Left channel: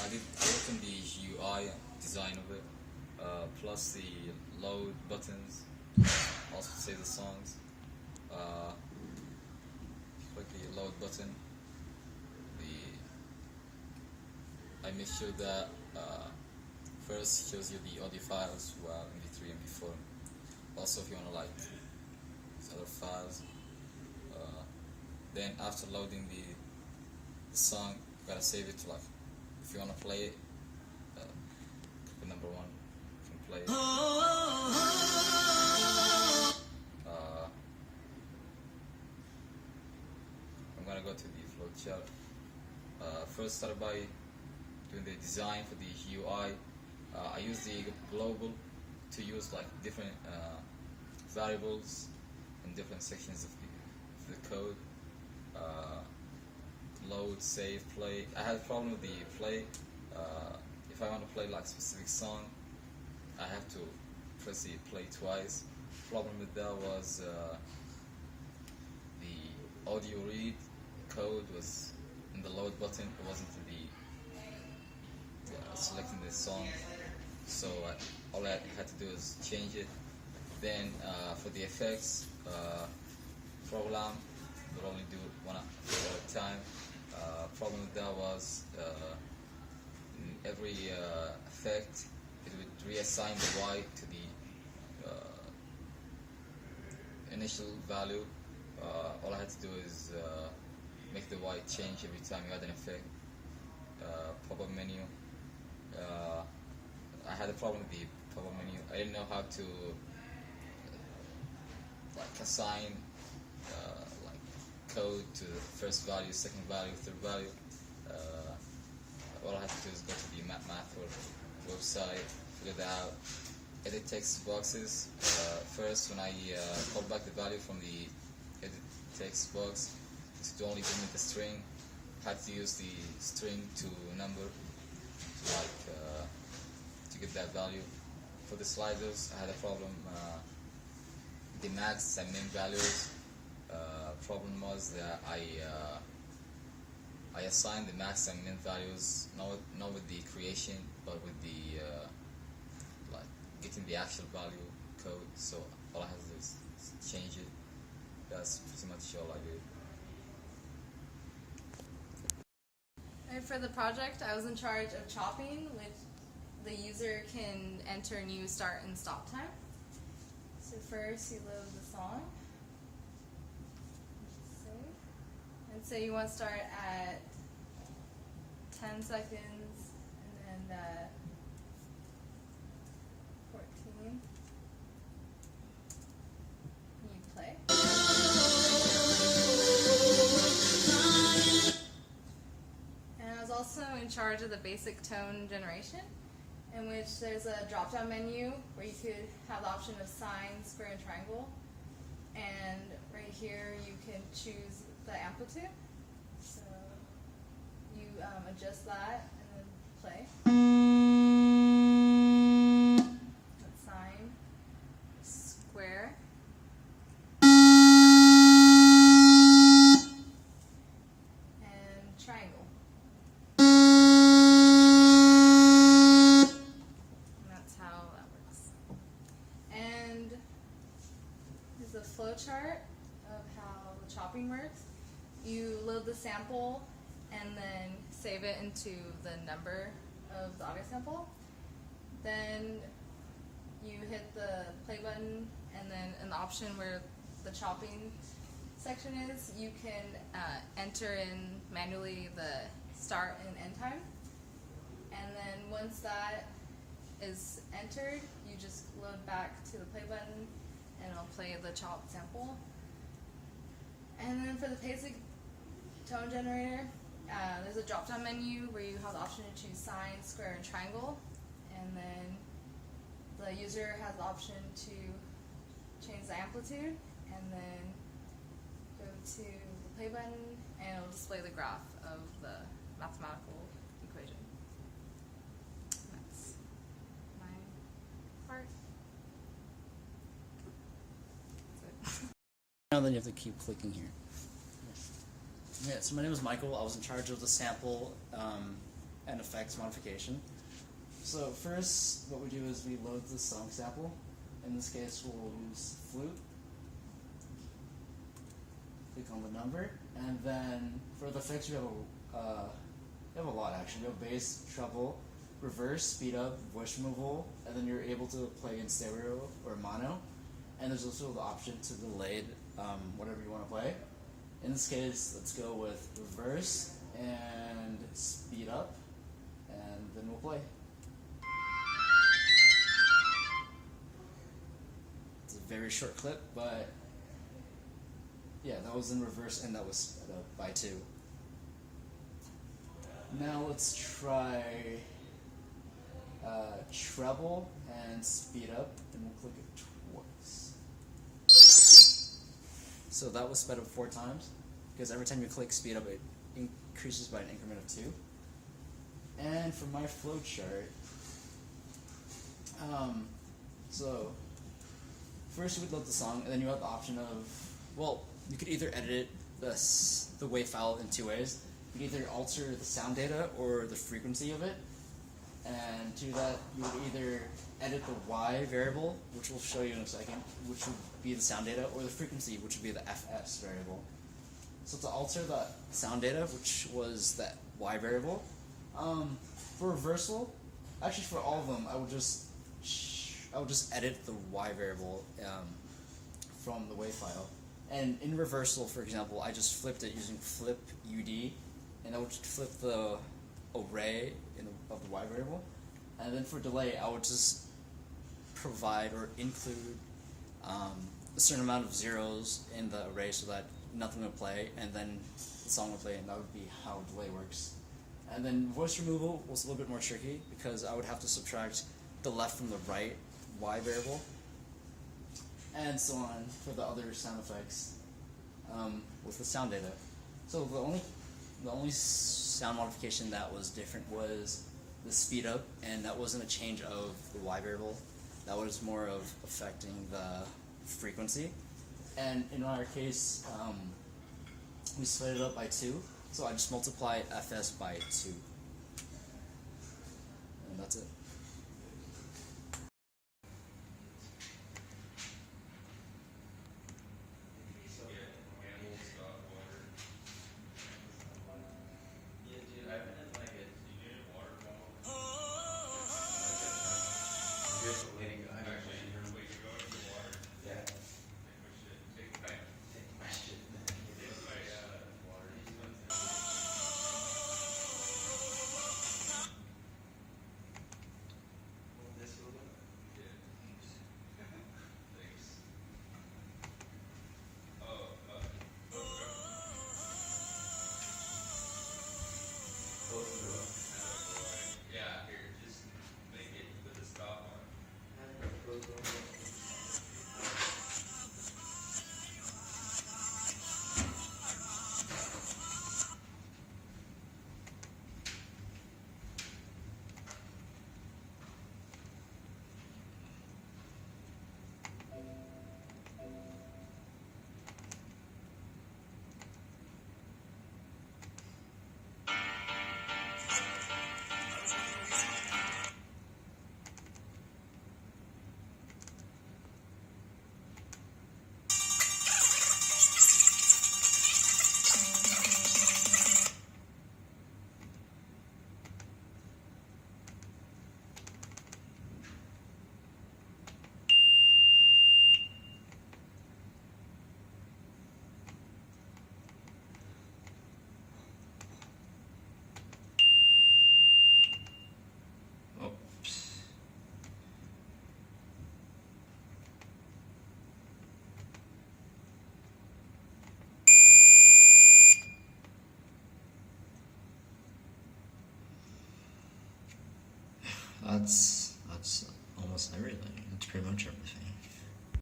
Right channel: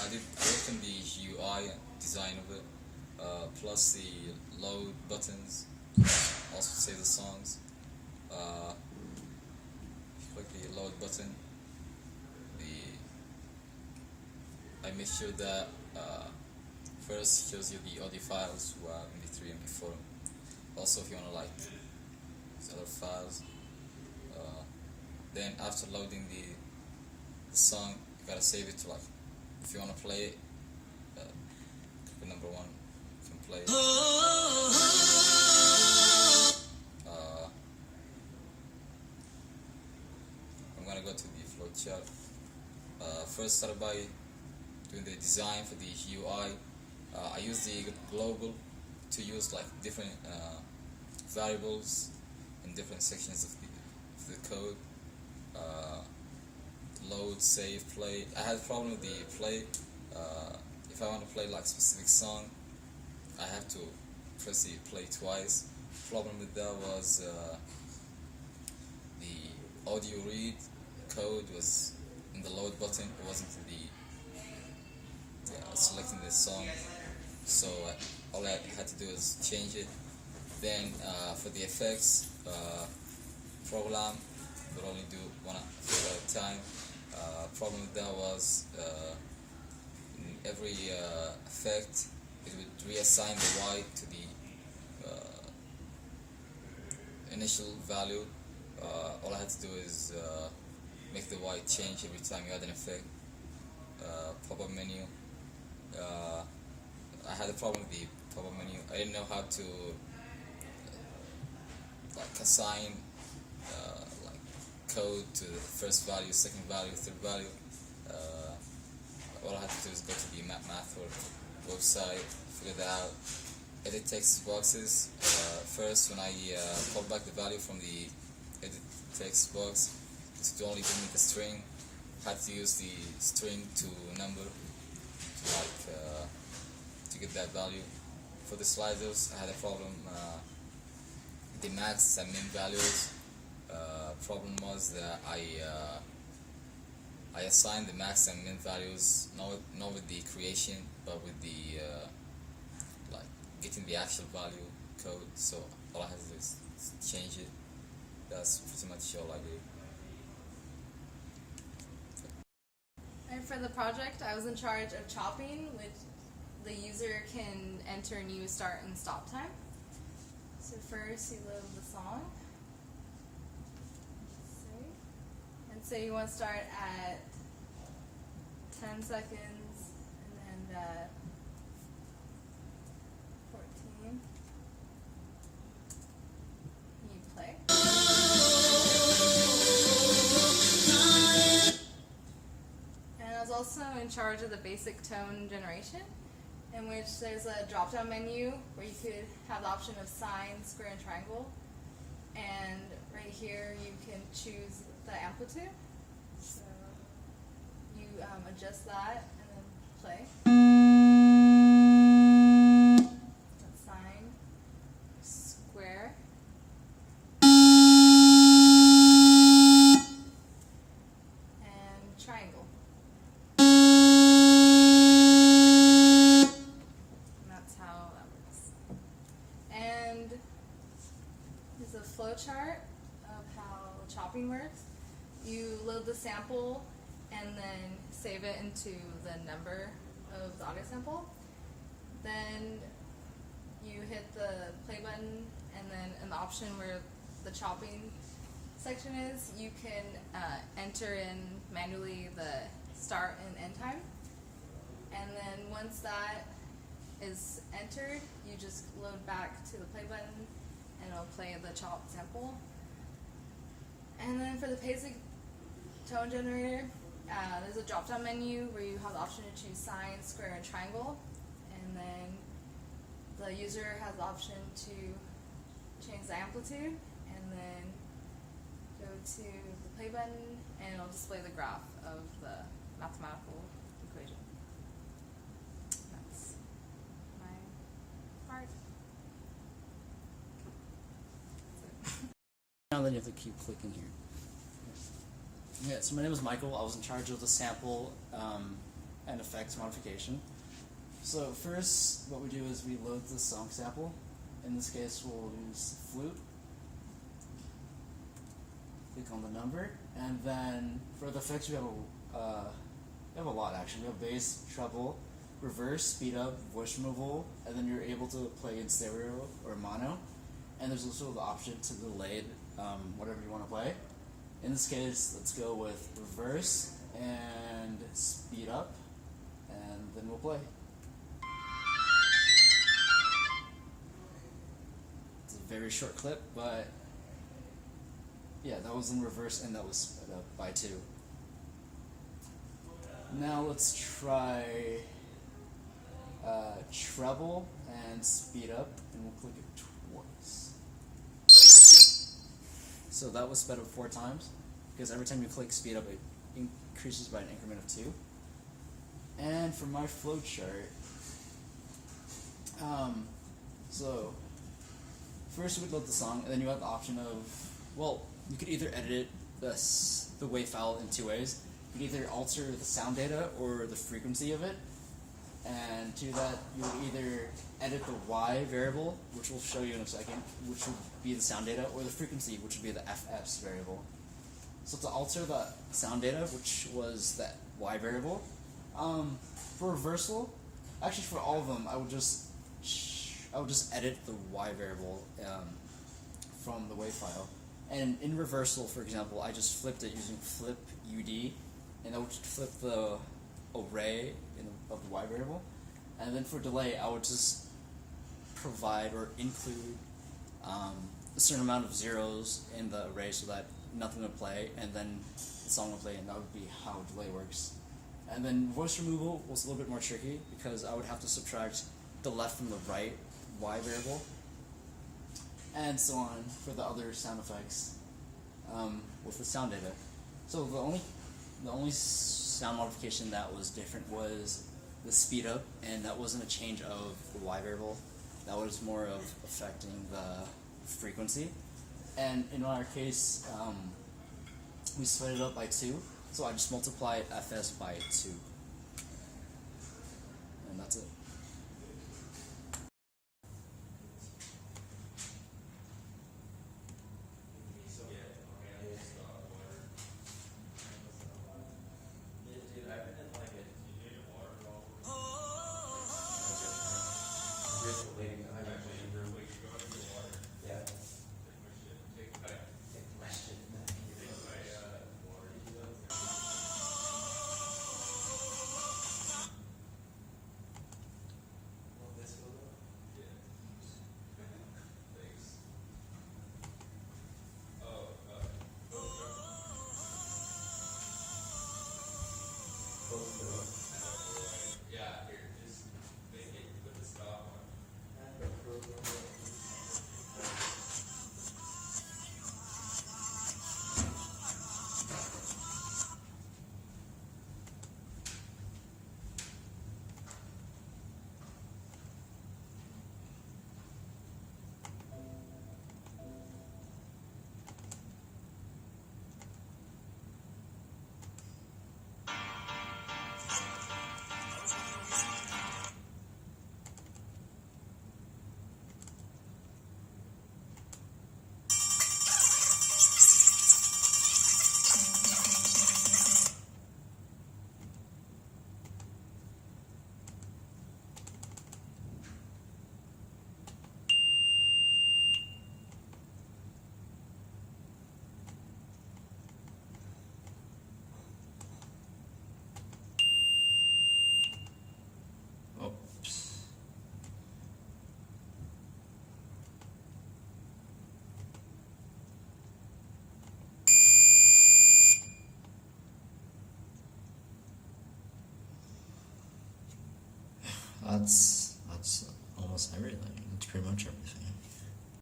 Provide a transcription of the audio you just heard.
I worked on the UI design of it, plus the load buttons, also save the songs. If you click the load button, I make sure that first shows you the audio files, MP3, MP4. Also, if you want to like these other files, then after loading the song, you gotta save it to like, if you want to play it, click number 1, you can play it. I'm gonna go to the flowchart. First, start by doing the design for the UI. I use the global to use like different variables in different sections of the code. Load, save, play. I had a problem with the play. If I want to play like specific song, I have to press the play twice. Problem with that was the audio read code was in the load button. It wasn't in the selecting the song. So all I had to do is change it. Then for the effects program, would only do one at a time. Problem with that was in every effect it would reassign the Y to the initial value. All I had to do is make the Y change every time you add an effect. Pop-up menu. I had a problem with the pop-up menu. I didn't know how to like assign like code to the first value, second value, third value. All I had to do is go to the math website, figure that out. Edit text boxes. First, when I called back the value from the edit text box, it would only give me the string. I had to use the string to number to like to get that value. For the sliders, I had a problem. The max and min values. Problem was that I assigned the max and min values not with the creation, but with the like getting the actual value code. So all I had to do is change it. That's pretty much all I did. And for the project, I was in charge of chopping, which the user can enter new start and stop time. So first you load the song. And say you want to start at 10 seconds and end at 14. You play. And I was also in charge of the basic tone generation, in which there's a drop-down menu where you could have the option of sign, square, and triangle. And right here you can choose the amplitude. So you adjust that and then play. That's sine, square. And triangle. And that's how that works. And here's a flow chart of how chopping works. You load the sample and then save it into the number of the audio sample. Then you hit the play button, and then in the option where the chopping section is, you can enter in manually the start and end time. And then once that is entered, you just load back to the play button and it'll play the chopped sample. And then for the basic tone generator, there's a drop-down menu where you have the option to choose sine, square, and triangle. And then the user has the option to change the amplitude, and then go to the play button, and it'll display the graph of the mathematical equation. That's my part. Now then you have to keep clicking here. Yeah, so my name is Michael. I was in charge of the sample and effects modification. So first, what we do is we load the song sample. In this case, we'll use flute. Click on the number, and then for the effects, we have a lot actually. We have bass, treble, reverse, speed up, voice removal, and then you're able to play in stereo or mono. And there's also the option to delay whatever you want to play. In this case, let's go with reverse and speed up, and then we'll play. It's a very short clip, but yeah, that was in reverse and that was sped up by 2. Now let's try treble and speed up, and we'll click it twice. So that was sped up 4 times, because every time you click speed up, it increases by an increment of 2. And for my flowchart, so first you would load the song, and then you have the option of, well, you could either edit the WAV file in 2 ways. You could either alter the sound data or the frequency of it, and to do that, you would either edit the Y variable, which we'll show you in a second, which would be the sound data, or the frequency, which would be the FS variable. So to alter the sound data, which was that Y variable, for reversal, actually for all of them, I would just edit the Y variable from the WAV file. And in reversal, for example, I just flipped it using flip UD, and I would flip the array of the Y variable. And then for delay, I would just provide or include a certain amount of zeros in the array so that nothing would play, and then the song would play, and that would be how delay works. And then voice removal was a little bit more tricky, because I would have to subtract the left from the right Y variable, and so on for the other sound effects with the sound data. So the only sound modification that was different was the speed up, and that wasn't a change of the Y variable. That was more of affecting the frequency. And in our case, we split it up by 2, so I just multiplied FS by 2. And that's it. That's almost everything. That's pretty much everything.